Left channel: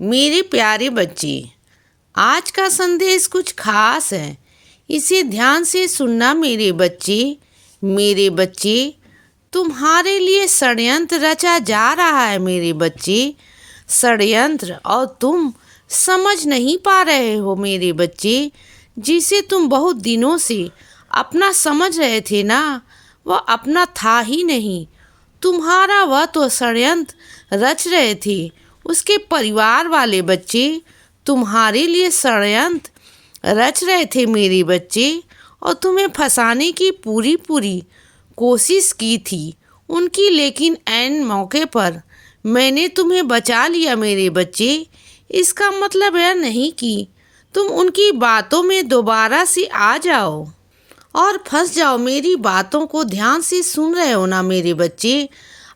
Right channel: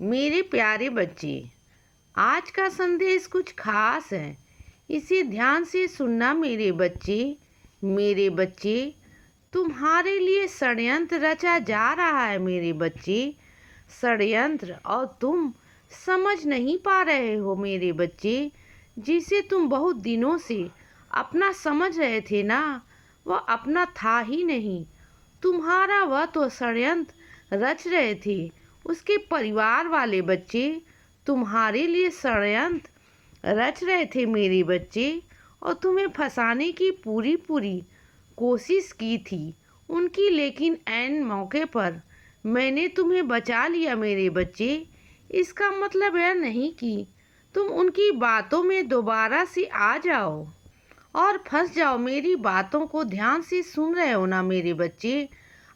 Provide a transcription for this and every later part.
मेरे प्यारे बच्चे, आज का संदेश कुछ खास है। इसे ध्यान से सुनना मेरे बच्चे। मेरे बच्चे, तुम्हारे लिए षड्यंत्र रचा जा रहा है मेरे बच्चे। षड्यंत्र, और तुम समझ नहीं पा रहे हो मेरे बच्चे। जिसे तुम बहुत दिनों से अपना समझ रहे थे ना, वह अपना था ही नहीं। तुम्हारा वह तो षड्यंत्र रच रहे थे उसके परिवार वाले बच्चे। तुम्हारे लिए षड्यंत्र रच रहे थे मेरे बच्चे, और तुम्हें फंसाने की पूरी पूरी कोशिश की थी उनकी। लेकिन ऐन मौके पर मैंने तुम्हें बचा लिया मेरे बच्चे। इसका मतलब यह नहीं कि तुम उनकी बातों में दोबारा से आ जाओ और फंस जाओ। मेरी बातों को ध्यान से सुन रहे हो ना मेरे बच्चे।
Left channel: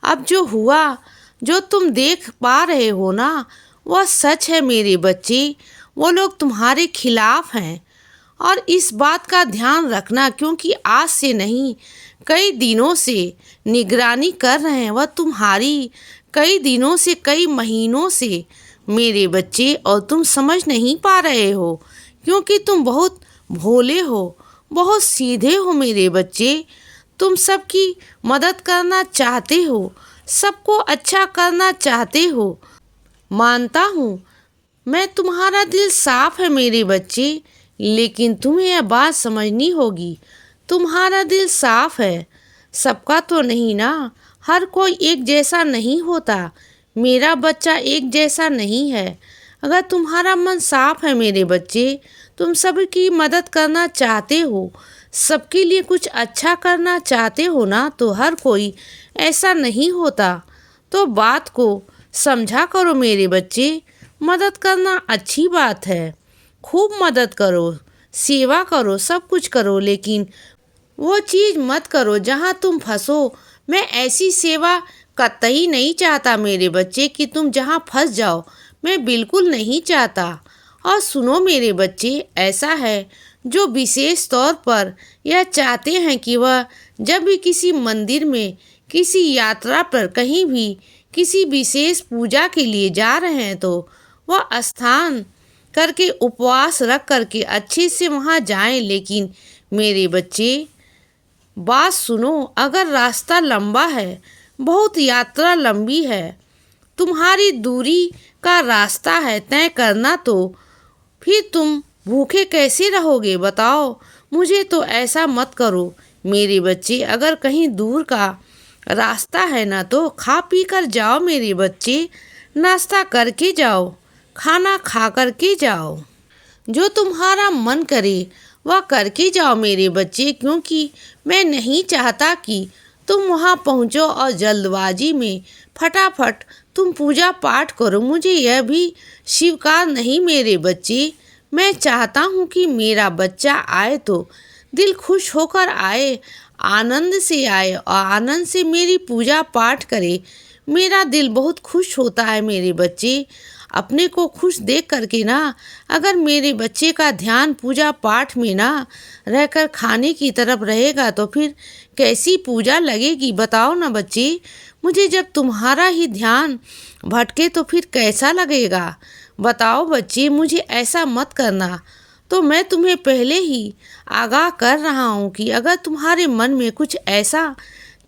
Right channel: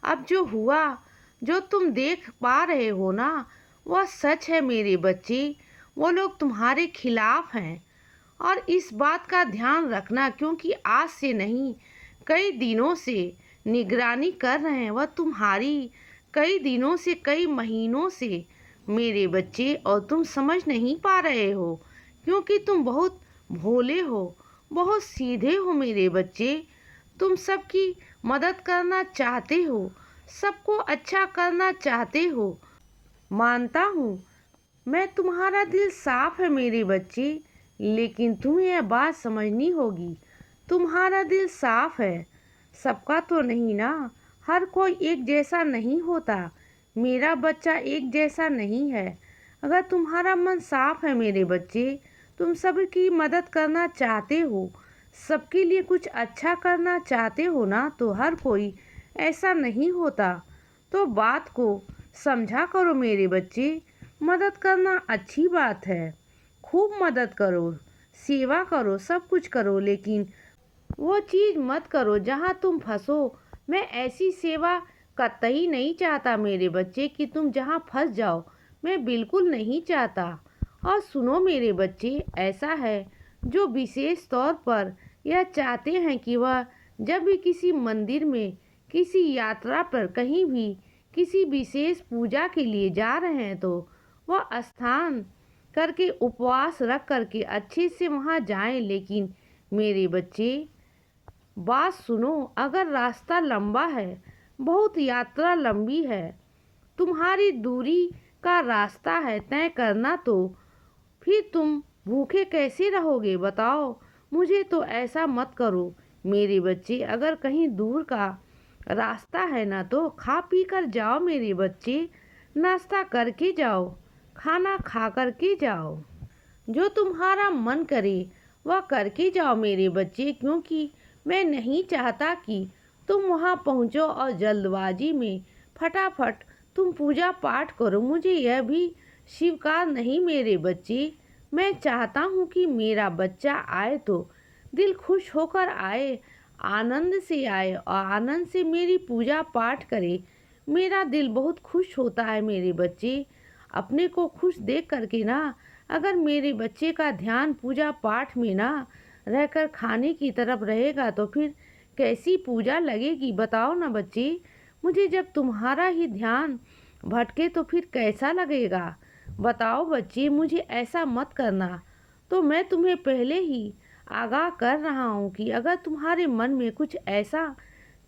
अब जो हुआ, जो तुम देख पा रहे हो ना, वह सच है मेरे बच्चे। वो लोग तुम्हारे खिलाफ हैं, और इस बात का ध्यान रखना, क्योंकि आज से नहीं, कई दिनों से निगरानी कर रहे हैं वह तुम्हारी। कई दिनों से, कई महीनों से मेरे बच्चे, और तुम समझ नहीं पा रहे हो क्योंकि तुम बहुत भोले हो, बहुत सीधे हो मेरे बच्चे। तुम सबकी मदद करना चाहते हो, सबको अच्छा करना चाहते हो। मानता हूँ मैं, तुम्हारा दिल साफ है मेरे बच्चे, लेकिन तुम्हें यह बात समझनी होगी। तुम्हारा दिल साफ है, सबका तो नहीं ना। हर कोई एक जैसा नहीं होता। मेरा बच्चा एक जैसा नहीं है। अगर तुम्हारा मन साफ है मेरे बच्चे, तुम सबकी मदद करना चाहते हो, सबके लिए कुछ अच्छा करना चाहते हो ना, तो हर कोई ऐसा नहीं होता। तो बात को समझा करो मेरे बच्चे। मदद करना अच्छी बात है, खूब मदद करो, सेवा करो, सब कुछ करो, लेकिन वो चीज़ मत करो जहाँ तुम फंसो। मैं ऐसी सेवा कतई नहीं चाहता मेरे बच्चे कि तुम जहाँ फंस जाओ। मैं बिल्कुल नहीं चाहता। और सुनो मेरे बच्चे, ऐसा है जो विशेष तौर पर यह चाहते हैं कि वह जब भी किसी मंदिर में, किसी यात्रा पर, कहीं भी किसी विशेष पूजा के लिए जा रहे हैं, तो वह स्थान करके उपवास रख करके अच्छे से वहाँ जाएं। लेकिन मेरे बच्चे, बात सुनो, अगर रास्ता लंबा है, बहुत यात्रा लंबी है, तुम्हारी दूरी का रास्ता है तय करना, तो फिर तुम भूखे कैसे रहोगे बताओ। मुझे तो ऐसा मत करो मेरे बच्चे। अगर कहीं दूर का रास्ता है ना, तो खा पी कर जाओ मेरे बच्चे। नाश्ता करके जाओ, खाना खा करके जाओ, जो तुम्हारा मन करे वह करके जाओ मेरे बच्चे। क्योंकि मैं नहीं चाहता कि तुम वहाँ पहुँचो और जल्दबाजी में फटाफट तुम पूजा पाठ करो। मुझे यह भी स्वीकार नहीं मेरे बच्चे। मैं चाहता हूँ कि मेरा बच्चा आए तो दिल खुश होकर आए, आनंद से आए, और आनंद से मेरी पूजा पाठ करे। मेरा दिल बहुत खुश होता है मेरे बच्चे। अपने को खुश देख करके ना, अगर मेरे बच्चे का ध्यान पूजा पाठ में ना रहकर खाने की तरफ रहेगा, तो फिर कैसी पूजा लगेगी बताओ ना बच्चे। मुझे जब तुम्हारा ही ध्यान भटके तो फिर कैसा लगेगा बताओ बच्चे। मुझे ऐसा मत करना। तो मैं तुम्हें पहले ही आगाह कर रहा हूँ कि अगर तुम्हारे मन में कुछ ऐसा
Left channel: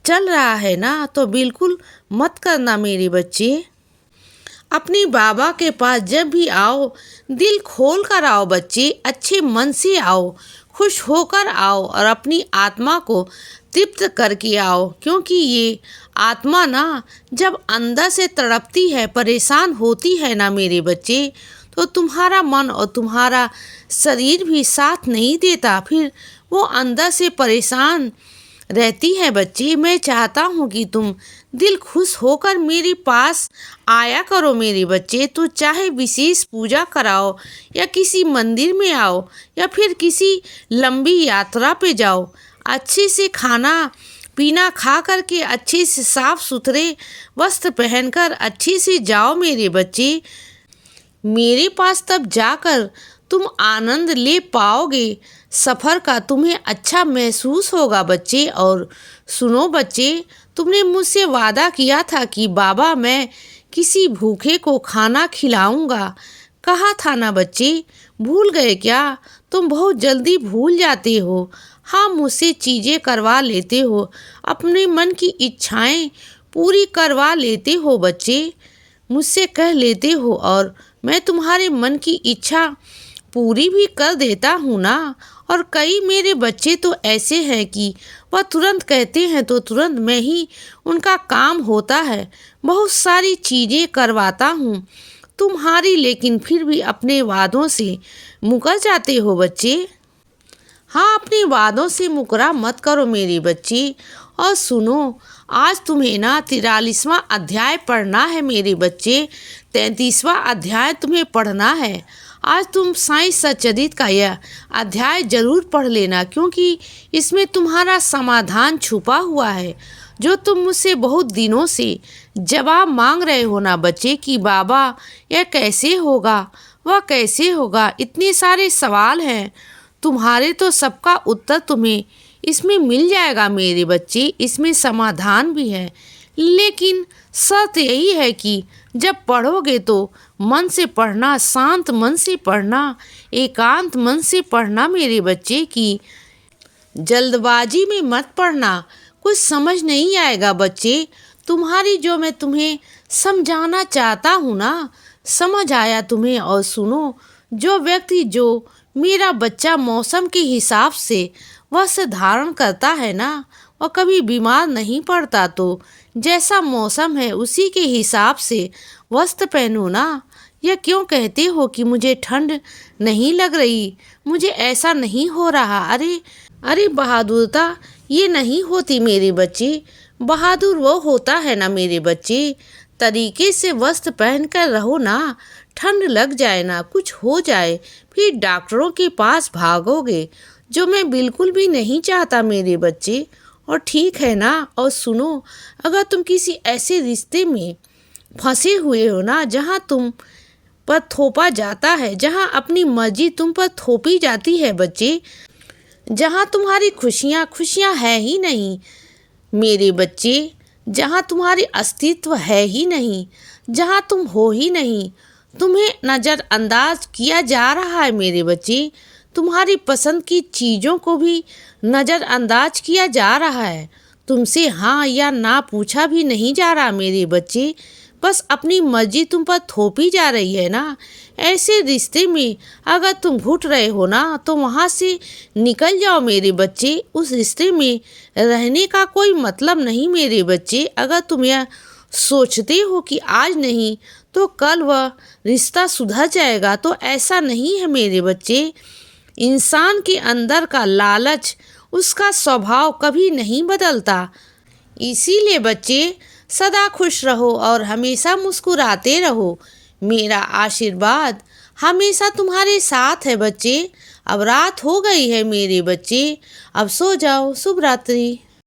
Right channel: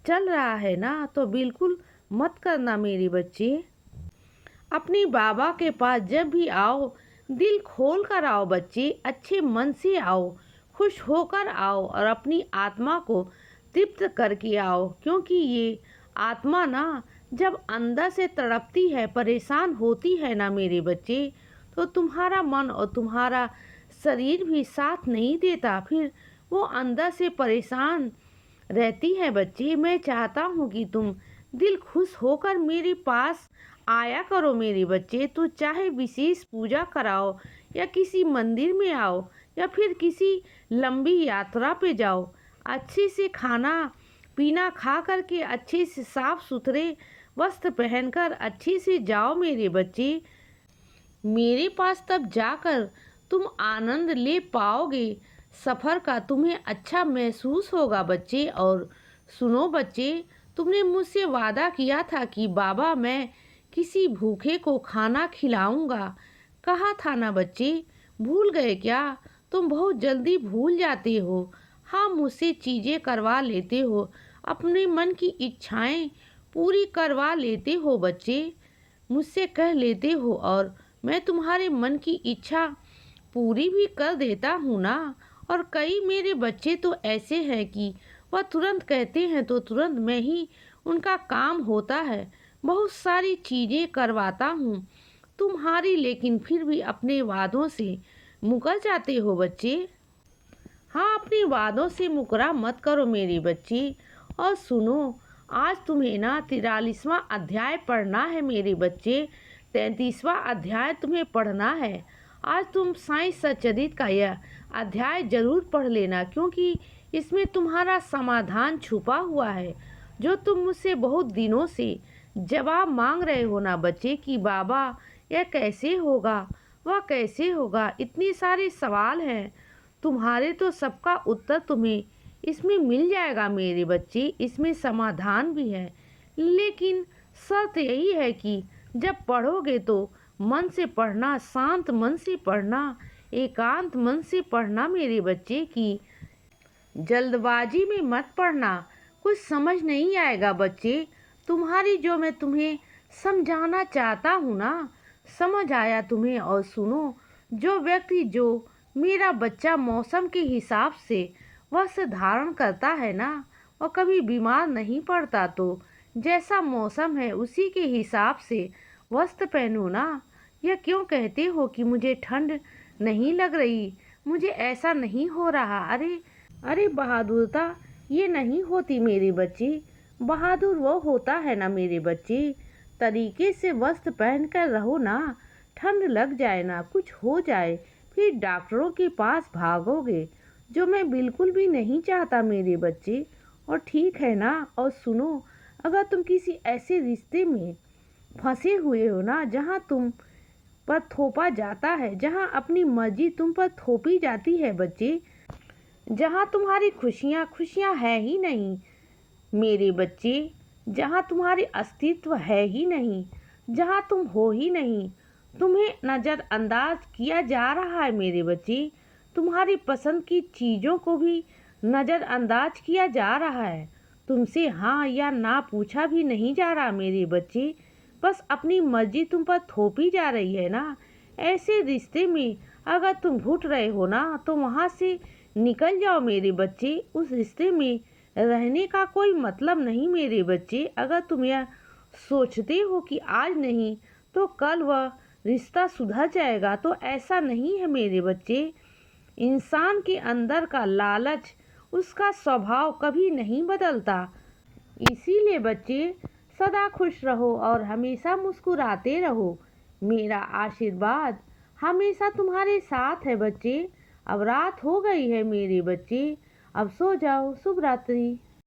चल रहा है ना, तो बिल्कुल मत करना मेरे बच्चे। अपनी बाबा के पास जब भी आओ, दिल खोल कर आओ बच्चे, अच्छे मन से आओ, खुश होकर आओ, और अपनी आत्मा को तृप्त करके आओ। क्योंकि ये आत्मा ना जब अंदर से तड़पती है, परेशान होती है ना मेरे बच्चे, तो तुम्हारा मन और तुम्हारा शरीर भी साथ नहीं देता। फिर वो अंदर से परेशान रहती है बच्चे। मैं चाहता हूँ कि तुम दिल खुश होकर मेरे पास आया करो मेरे बच्चे। तो चाहे विशेष पूजा कराओ, या किसी मंदिर में आओ, या फिर किसी लंबी यात्रा पे जाओ, अच्छे से खाना पीना खा करके, अच्छे से साफ सुथरे वस्त्र पहनकर अच्छे से जाओ मेरे बच्चे। मेरे पास तब जाकर तुम आनंद ले पाओगे सफ़र का, तुम्हें अच्छा महसूस होगा बच्चे। और सुनो बच्चे, तुमने मुझसे वादा किया था कि बाबा, मैं किसी भूखे को खाना खिलाऊंगा। कहा था ना बच्चे, भूल गए क्या? तुम बहुत जल्दी भूल जाते हो। हाँ, मुझसे चीज़ें करवा लेते हो, अपने मन की इच्छाएं पूरी करवा लेते हो बच्चे। मुझसे कह लेते हो और मैं तुम्हारे मन की इच्छा पूरी भी कर देता हूँ ना। और कई मेरे बच्चे तो ऐसे हैं कि वह तुरंत कहते हैं तो तुरंत मैं ही उनका काम होता है। बहुत सारी चीज़ें करवाता हूँ तुम्हारी, लेकिन फिर भी अपने वादों से मुकर जाते हो बच्चे। हाँ, अपने वादों से मुकरा मत करो मेरे बच्चे। और सुनो, आज तुम्हें ना 43वां अध्याय पढ़ना है मेरे बच्चे। 33वां अध्याय तुम्हें पढ़ना है। आज तुम साईं सच्चरित्र का यह अध्याय जरूर पढ़ लेना, क्योंकि इसमें तुम्हारा समाधान छुपा हुआ है, जो तुम मुझसे बहुत दिनों से जवाब मांग रहे हो ना बच्चे कि बाबा यह कैसे होगा, वह कैसे होगा। इतने सारे सवाल हैं तुम्हारे, तो सबका उत्तर तुम्हें इसमें मिल जाएगा मेरे बच्चे। इसमें समाधान भी है, लेकिन शर्त यही है कि जब पढ़ोगे तो मन से पढ़ना, शांत मन से पढ़ना, एकांत मन से पढ़ना मेरे बच्चे की जल्दबाजी में मत पढ़ना। कुछ समझ नहीं आएगा बच्चे। तुम्हारी जो मैं तुम्हें समझाना चाहता हूँ ना, समझ आया तुम्हें। और सुनो, जो व्यक्ति जो मेरा बच्चा मौसम के हिसाब से वस्त्र धारण करता है ना, वह कभी बीमार नहीं पड़ता। तो जैसा मौसम है उसी के हिसाब से वस्त्र पहनो ना। यह क्यों कहते हो कि मुझे ठंड नहीं लग रही, मुझे ऐसा नहीं हो रहा? अरे अरे, बहादुरता ये नहीं होती मेरे बच्चे। बहादुर वो होता है ना मेरे बच्चे, तरीके से वस्त्र पहन कर रहो ना। ठंड लग जाए ना, कुछ हो जाए, फिर डॉक्टरों के पास भागोगे, जो मैं बिल्कुल भी नहीं चाहता मेरे बच्चे। और ठीक है ना। और सुनो, अगर तुम किसी ऐसे रिश्ते में फंसे हुए हो ना, जहाँ तुम पर थोपा जाता है, जहाँ अपनी मर्जी तुम पर थोपी जाती है बच्चे, जहाँ तुम्हारी खुशियाँ खुशियाँ है ही नहीं मेरे बच्चे, जहाँ तुम्हारी अस्तित्व है ही नहीं, जहाँ तुम हो ही नहीं, तुम्हें नज़रअंदाज किया जा रहा है मेरे बच्चे। तुम्हारी पसंद की चीज़ों को भी नज़रअंदाज किया जा रहा है। तुमसे हाँ या ना पूछा भी नहीं जा रहा मेरे बच्चे, बस अपनी मर्जी तुम पर थोपी जा रही है ना। ऐसे रिश्ते में अगर तुम घुट रहे हो ना, तो वहाँ से निकल जाओ मेरे बच्चे। उस रिश्ते में रहने का कोई मतलब नहीं मेरे बच्चे। अगर तुम यह सोचते हो कि आज नहीं तो कल वह रिश्ता सुधर जाएगा, तो ऐसा नहीं है मेरे बच्चे। इंसान के अंदर का लालच, उसका स्वभाव कभी नहीं बदलता। इसीलिए बच्चे, सदा खुश रहो और हमेशा मुस्कुराते रहो। मेरा आशीर्वाद हमेशा तुम्हारे साथ है बच्चे। अब रात हो गई है मेरे बच्चे, अब सो जाओ। शुभ रात्रि।